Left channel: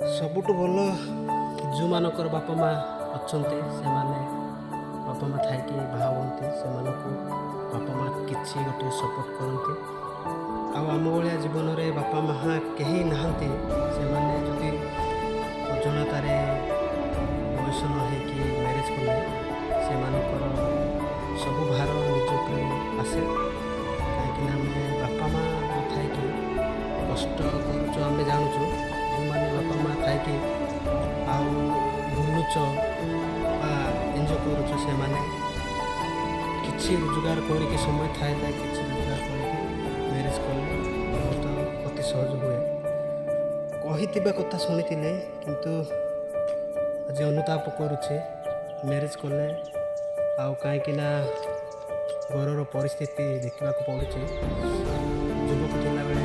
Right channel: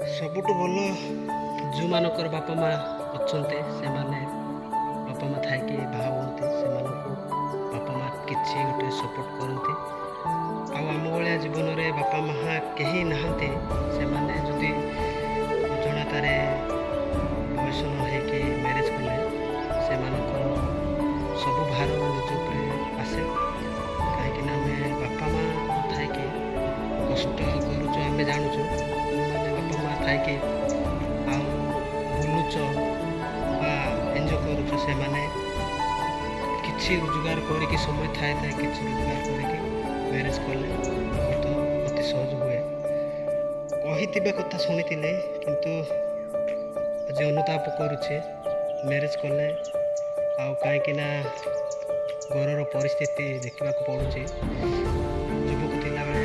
ସବୁଠୁ ଭଲ ଯେଉଁମାନଙ୍କର ବାପା ମା ଅଛନ୍ତି ସେମାନେ ବାପା ମା ଥାଇକି ବାହା ହୁଅନ୍ତି, ସେମାନଙ୍କୁ ବାପା ମା କିଛି ଗୋଟେ ସପୋର୍ଟ କରନ୍ତି। ଆଉ ଆମ ଭଳିଆ ଜୀବନରେ ବାପା ମା କେହି ନାହାନ୍ତି, ସେମାନେ ଯଦି ଅଜଣାତାରେ ବୟସ ନ ହେଇକି ମ୍ୟାରେଜ୍ କଲେ ସେମାନଙ୍କର ସବୁ ଭାର ନିଜ ଉପରେ ଆସେ। କାହିଁକିନା ଆମେ ବାପା ମା ନଥାଇକି କଷ୍ଟ କରୁଛୁ, ଆମେ ଜାଣୁଛୁ। ଯେଉଁମାନେ ବାପା ମା ଥାଇକି ଆଉ ବୁଲୁଛ ବା ଏନ୍ଜୟ କରୁଛୁ, ସେମାନେ କିଛି ରୋଜଗାର କରିକି ସମୟ ଥାଏ କିଛି ରୋଜଗାର କରିକି ମ୍ୟାରେଜ୍ କଲେ ବହୁତ ଅତି ସହଜ ହୁଏ। କହିଥିବା କଥା ଶୁଣିଥିଲେ କିନ୍ତୁ ଆଜି ଅନୁତାପ କରୁଛି ମ୍ୟାରେଜ୍ କଲେ। ଆଉ କାହିଁକିନା ଘରର ପରିସ୍ଥିତି ଦେଖିବାକୁ ପଡ଼ୁଛି। ଯୁବକ ଥିଲାବେଳେ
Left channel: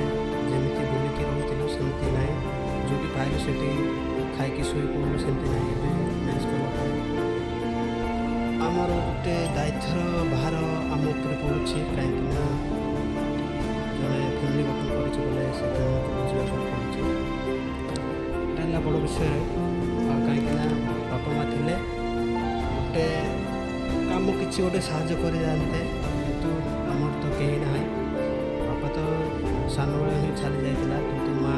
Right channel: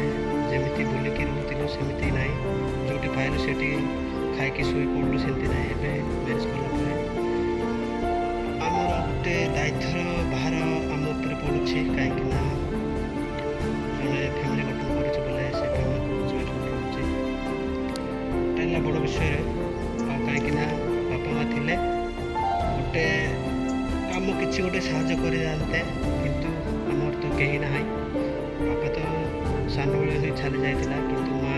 ଯେମିତି ବୁଲିକି ରହୁଥିଲୁ ସେମିତି ନାହିଁ, ଯେଉଁଠି ପାଇଲୁ ସେଠି ଖାଇକି ଶୋଇ ପଡ଼ିଲୁ ସେମିତି ନାହିଁ। ଏବେ ମ୍ୟାରେଜ୍ କଲା ପରେ ଆମର ଗୋଟେ ଦାୟିତ୍ୱର ଭାର ଆମ ଉପରେ ପଡ଼ୁଛି। କାହିଁକିନା ଜଣେ ଫ୍ୟାମିଲି ଗଠନ କରୁଛୁ ବୋଲେ ସେ ଫ୍ୟାମିଲିକୁ ବୁଝିବାକୁ ପଡ଼ୁଛି। ଏଇଟା ହେଲା ବଡ଼ ବିଷୟରେ। ଆଉ କାହିଁକିନା ବାପା ମା ଥିଲେ ଗୋଟେ କାମ କିଛି ଗୋଟେ ସାହାଯ୍ୟ କରିଯାଆନ୍ତେ, କିନ୍ତୁ ଆମର ତ କେହି ନାହିଁ। ବାପା ତ ସାନବେଳେ ହିଁ ଚାଲି ଯାଇଥିଲା, କିନ୍ତୁ ମା